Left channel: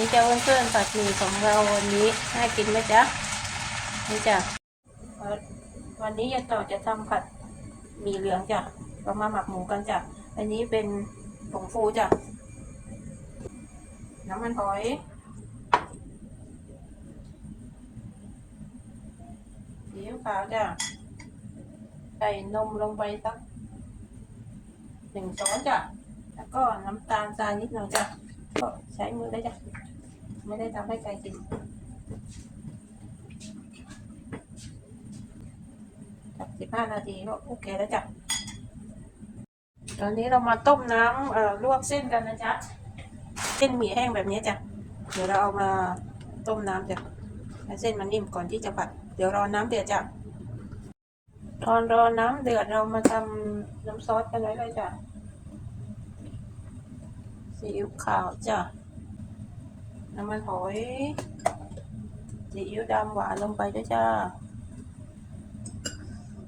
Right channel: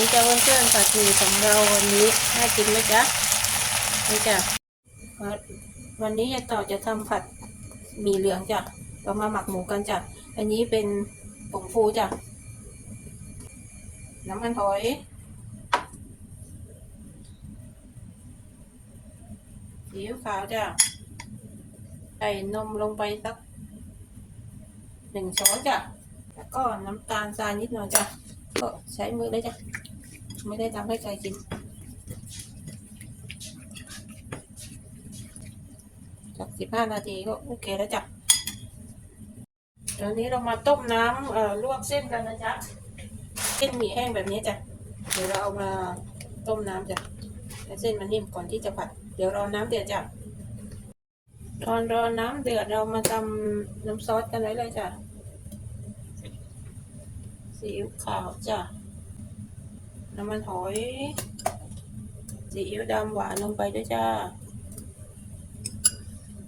นี่จะวันเพื่อนผัดหมี่ของเราวันนี้น่ากินไหมจ๊ะนี่จ้ะวันวันนี้ยายต่อจะทำผัดหมี่เหลืองจ้ะเรามาหมักหมูกันจ้ะอันนี้เป็นผงฟูจ้ะน้ำมันหอยซีอิ๊วขาวจ้ะใส่นมลงไปสักหนึ่งช้อนจ้ะแล้วก็น้ำตาลทรายนิดหน่อยจ้ะก็ใช้มือได้จ้ะ ไม่ได้ทำให้ใครกินสักสิบห้านาทีก็โอเคแล้วจ้ะตอนนี้เรามาต้มน้ำเอ่อลวกเส้นกันนะจ๊ะเส้นหมี่แห้งแบบนี้จ้ะเดี๋ยวเราเอามาต้มน้ำจ้ะให้เส้นมันนิ่มก่อนที่จะผัด เดี๋ยวรอน้ำเดือดจ้ะตอนรอน้ำเดือดเรามาทำน้ำซอสกันไว้เลยจ้ะซีอิ๊วขาวจ้ะ น้ำมันหอยซีอิ๊วดำหวานลงไปนะจ้า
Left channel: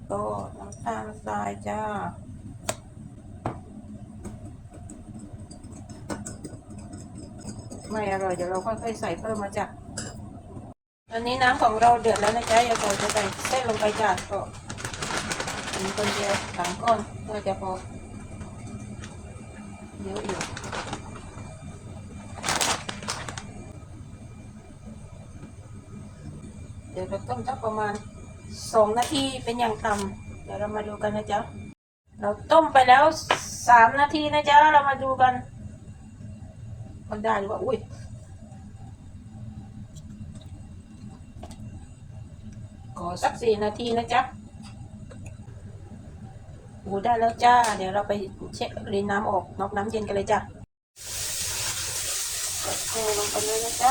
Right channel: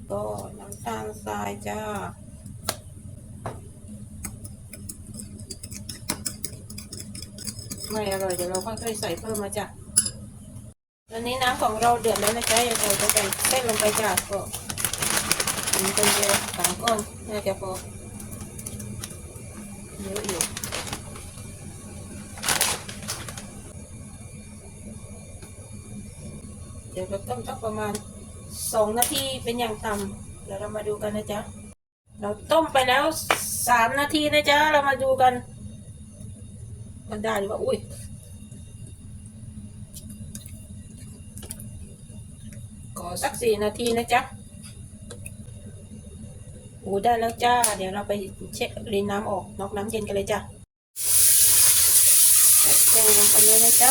โอ้น้ำตาลทรายจ้าไม่อร่อยเดี๋ยวเราค่อยๆใส่เพิ่มมาจ้ะตอนนี้น้ำของเราเดือดแล้วนะจ๊ะอย่าใส่ไปแค่ลงไปจ้ะก็มีคนเดียวสามคนน่าจะพอเดี๋ยวอยู่ เดี๋ยวต้มสักประมาณสองนาทีเป็นอย่างต่ำเดี๋ยวเรามาดูกันนะจ๊ะเราต้มไปแล้วสามนาทีนะจ๊ะเรามาดูกันมันได้หรือว่าอุ้ยขอสักสี่นาทีนะจ๊ะโอ้ได้แล้วจ้า เดี๋ยวเราไปเช็ครินน้ำออกนอกน้ำเย็นกันเลยจ้ะแช่ลงไปเลยนะจ๊ะ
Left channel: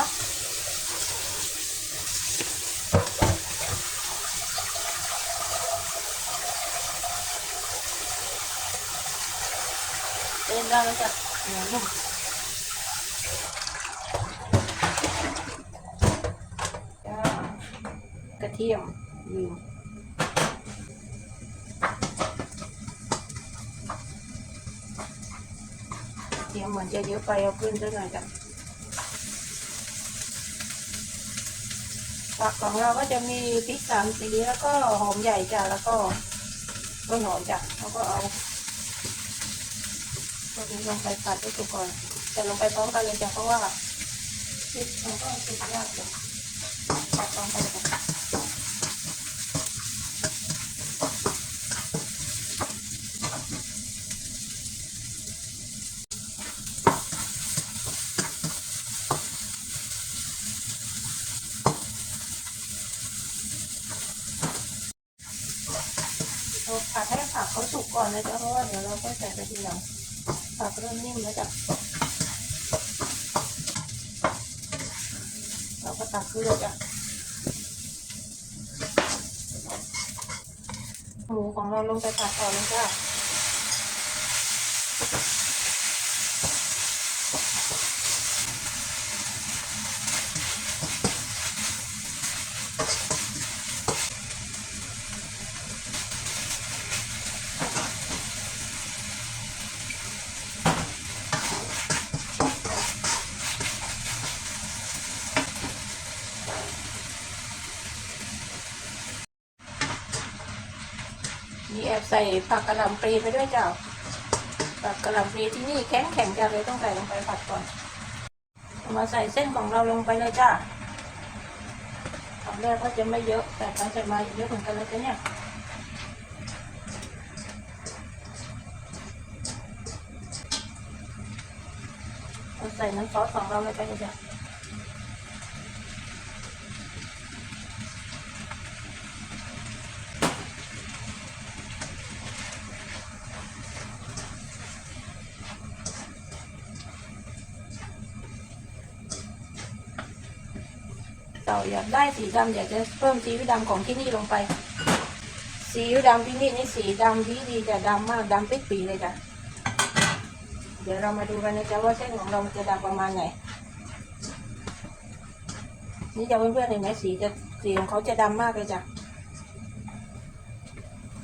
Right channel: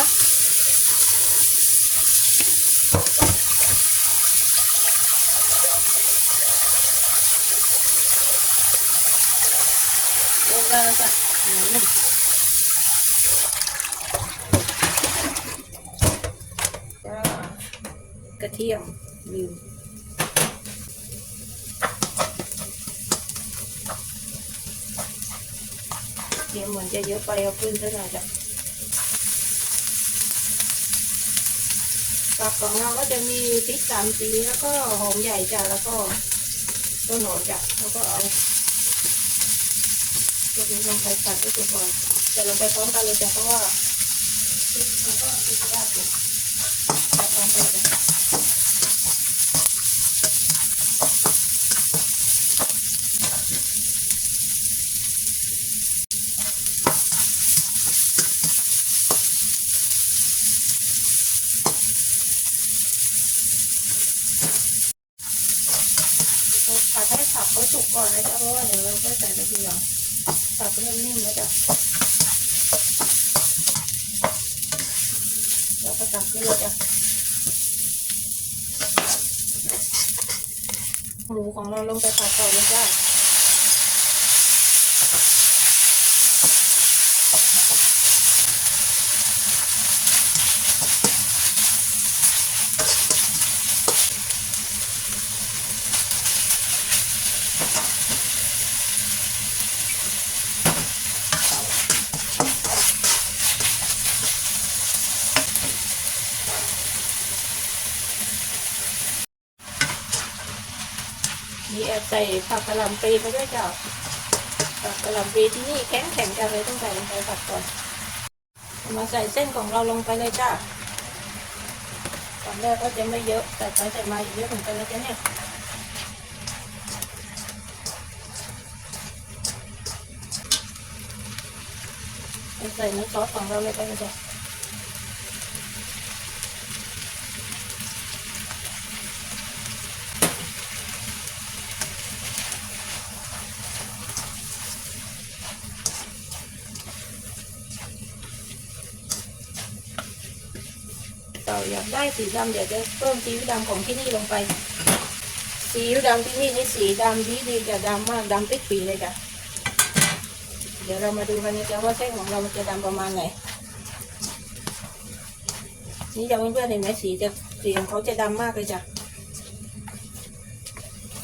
เริ่มได้แล้วจ้ะหมูหนึ่งจ้า กระเทียมเทียมเหมือนจะเยอะไปเอาขึ้นไปหน่อยจ้ะผักของเราก็จะมีพริกสามสีแล้วก็หอมใหญ่จ้ะแล้วก็ต้นหอมจ้ะแล้วก็เอา ดินลงไปผัดให้สุก่อนแต่ลงไปพร้อมกันเลยจ้ะเพราะว่าพริกมันก็สุกยากอยู่ตัดลงไปจ้ะตัวผัดให้ผักเขาสุกก่อนเลยจ้ะเพราะว่าเดี๋ยวเราค่อยใส่ไปทีหลังผักเริ่มนิ่มแล้วจ้ะ เราก็ตักขึ้นเลยจ้ะหมูของเราลงไปผัดก่อนนะจ้ะ มีแอบใส่ผักกะหล่ำปลีไปด้วยจ้ะผักกะหล่ำปลีที่นี่แข็งแข็งจังเลยต้องใส่ลงไปผัดก่อนมาใส่เส้นของเราลงไปเลยจ้ะตอนแรกก็จะไม่เยอะแต่ไปแต่มาเยอะเหมือนกันนะจ๊ะเนี่ยใส่น้ำซอสของเราลยไปเลยจ้ะ เราอยากได้สีดำเดี๋ยวจะเพิ่มซีอิ๊วดำของที่นี่ลงไปซีอิ๊วดำที่นี่ไอ้สีดำที่ดีจะดำมากดำเป็นปีเลยจ้ะเดี๋ยวเรามาดูกันนะจ๊ะว่าเส้นของเรามันจะดำประมาณไหนนี่จะเพื่อนๆเห็นไหมสีจะสีของเขาจะดำมากเลยจ้ะ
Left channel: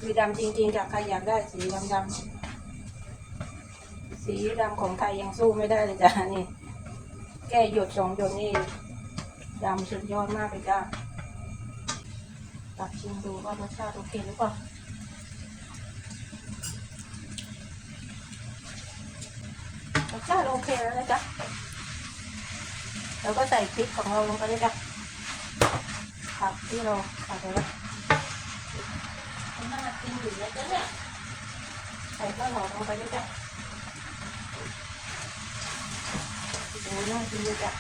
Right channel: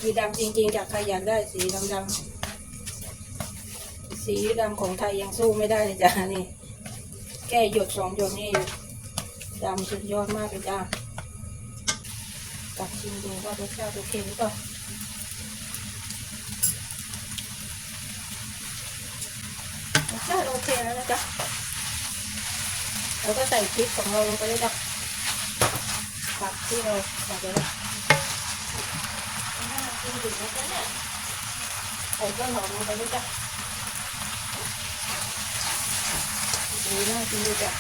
คือดำจริงๆจากใครอยากได้สีดำๆสีดำของไทยยังสู้ไม่ได้เลยจ้ะนี่แค่หยดสองหยดนี่ จามสุดยอดมากเลยจ้าตักชิมดูว่ารสชาติโอเคหรือเปล่ารสชาติโอเคแล้วนะจ๊ะเราก็ใส่พริกของเราลงไปเลยจ้ะผักที่เราใส่ไปแล้วน่ากินถึงแล้วเนี่ยใส่ต้นหอมลงไปด้วยจ้ะโอ้น่ากินจ้ะ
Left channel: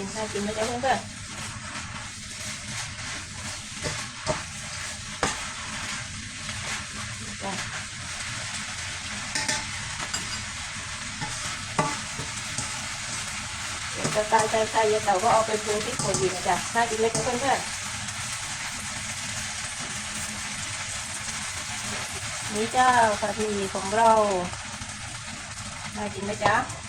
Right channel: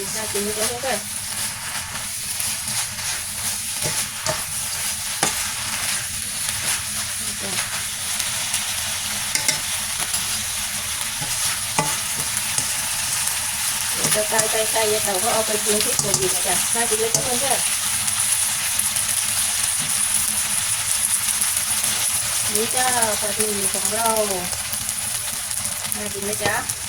กินน่ากินน่ากินเลยจ้ะเพื่อนๆนี่จ้ะจะตายใจใจเดี๋ยวเราก็เอาไปเกลือที่ขวดอีกนะจ้ะน่ากินเลยจ้ะเพื่อนๆนี่จ้าผัดหมี่ของเราน่ากินไหมจ๊ะ